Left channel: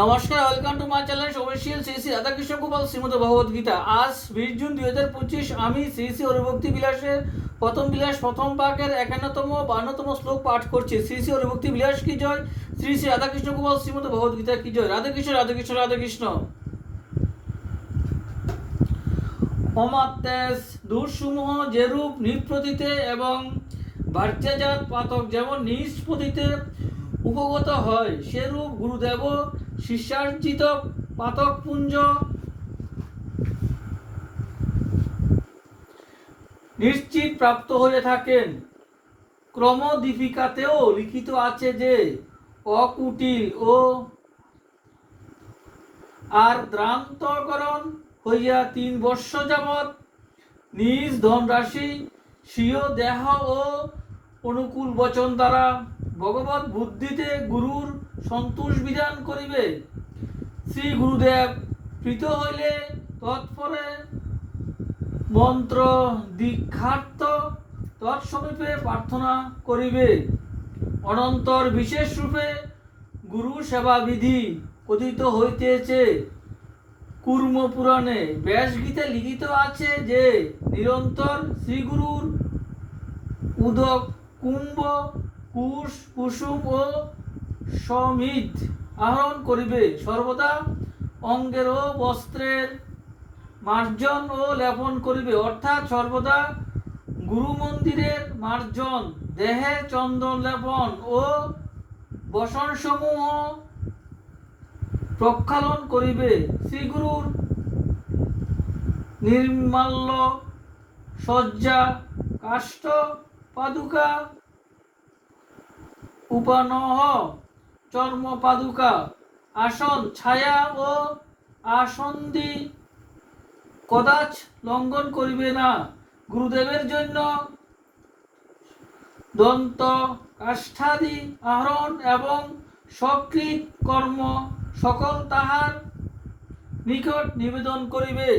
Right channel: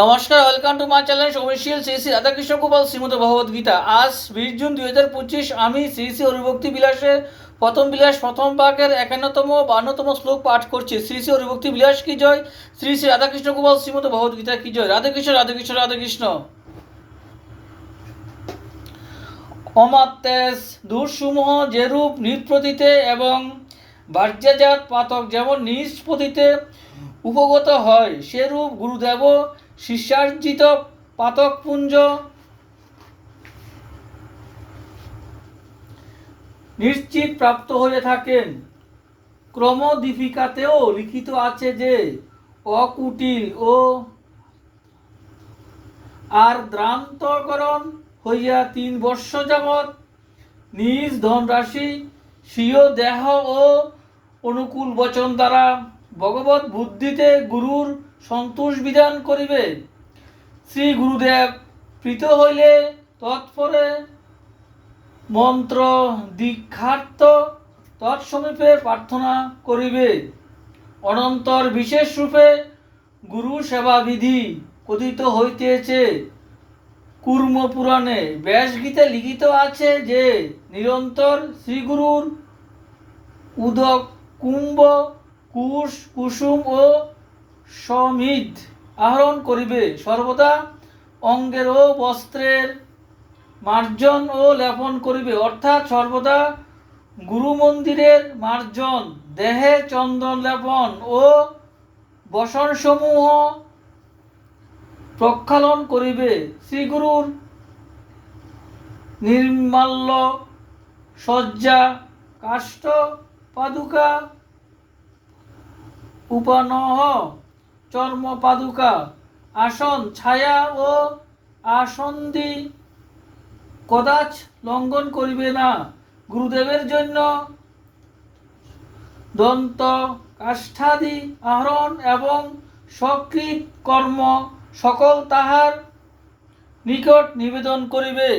নমস্কার, welcome to my channel official Shri Shri Radhakrishna Gopal Shrimad Bhagavad Gita. আজ 20 June 2025 আমি শ্রী শ্রী হরিভক্তি বিলাসের প্রথম বিলাস প্রথম পাকের 51তম 52তম শ্লোক পাঠ করছি। শ্রী শ্রী হরিভক্তি বিলাস কি জয়, শ্রী শ্রী রাধাকৃষ্ণ গোপাল শ্রীমদ ভগবদ গীতা কি জয়। রাধাকৃষ্ণ রাধাকৃষ্ণ রাধাকৃষ্ণ। অমাত্যাস দূরসমূহ যেরূপ নিষ্পতিতে এবং বাহ্যজাত পাতক যেমন নিষ্পতিতে উপগত হয়, সেরূপ গুরুদেব শিষ্যার্জিত পাতকপুঞ্জ নিশ্চিত প্রাপ্ত হয়ে থাকেন। ক্রমদীপিকাতেও লিখিত আছে যে অকুটিল ও আর্দ্রান্তকরণ হইয়া 3 বর্ষ যাবৎ নিজ ধনরাশি স্বীয় দেহ ও অনুকূল বচন দ্বারা ভগবত বুদ্ধিতে গুরুর সন্তোষ বিধান করিবে। শ্রী গুরুদেব প্রীত হইলে তৎপরে মন্ত্র দীক্ষার্থ তৎসমীপে প্রার্থনা করিবে। অনন্তর বিশেষ রূপে গুরু সেবা বিধি কথিত হইতেছে। কুর্ম পুরাণে ব্যাসগীতে লিখিত আছে যে নিরন্তর শ্রীগুরুর উদক কুম্ভ কুশ কুসুম ও সমিধ আহরণ করিবে। সর্বদা অঙ্গের ও বস্ত্রের মার্জন ও লেপন করিবে, অর্থাৎ সর্বদা গুরু মন্দিরের মার্জন, দেহে চন্দন লেপন ও বসনসমূহ প্রক্ষালন করিবে। শ্রীগুরুর নির্মাল্য সজ্জা কাষ্ঠ পাদুকা উপানহ চর্ম পাদুকা আসন ছায়া ও আসন্দি কদাচ লঙ্ঘন করিবে না। গুরুদেবের জন্য দন্ত কাষ্ঠাদি আহরণ এবং সকৃত কর্ম সকল তাহার নিকট নিবেদন করিবে।